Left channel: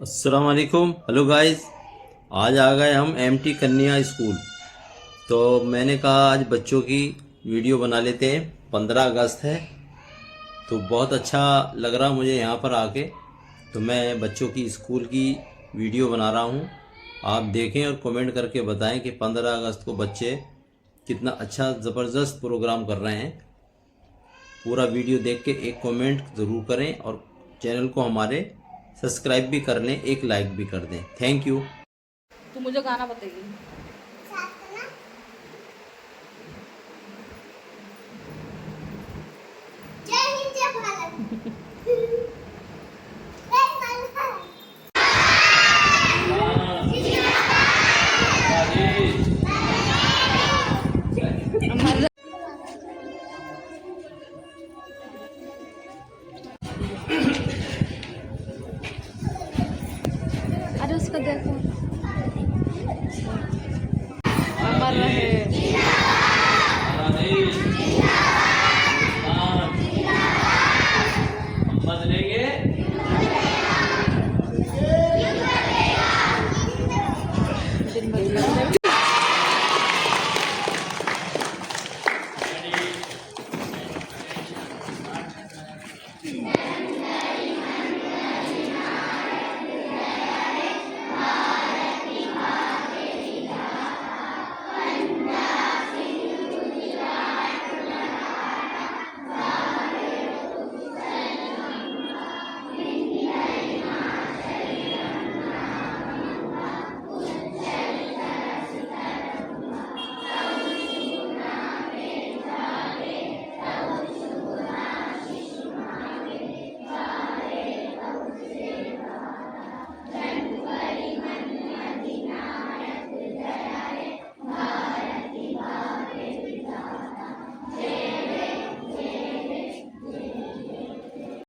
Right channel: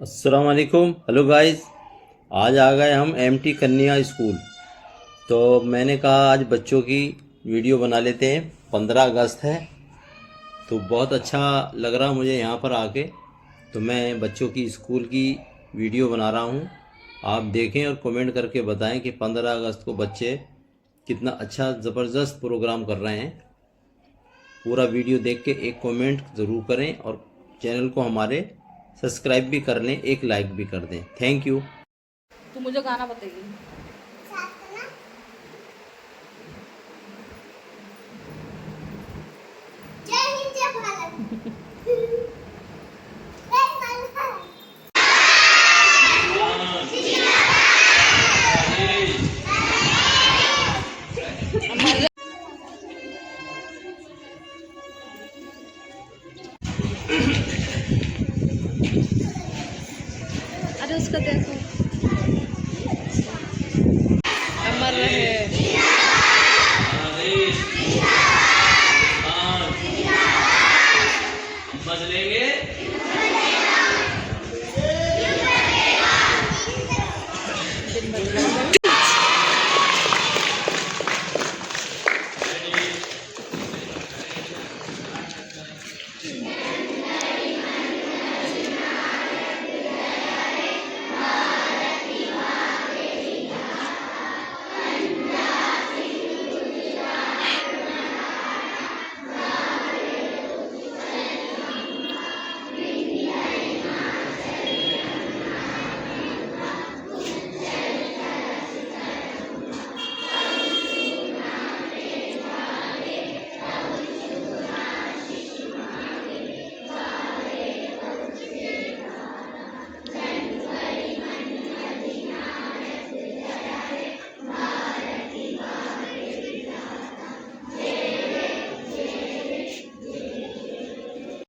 अस्सलाम वालेकुम। Hello guys, आज आ गए हम एमटी कन्या स्कूल। तो मैंने कहा आज बच्चों की वीडियो बना लेते हैं। 15 अगस्त है तो बहुत अच्छा लग रहा मुझे यहाँ पर आके। तो मैं बच्चों की स्कूल की वीडियो बना रहा हूँ। आप देखें और कमेंट करके बताएं कि 15 अगस्त को बच्चे कितना अच्छा ज़बरदस्त प्रोग्राम कर रहे हैं। पूरा वीडियो देख के एक कमेंट ज़रूर करें और चैनल को हमारे सब्सक्राइब भी कर लें, एक लाइक भी कर दें। Thank you. तू मुझे गाना बताइए। जय हिंद जय भारत। अरे उसको देखो।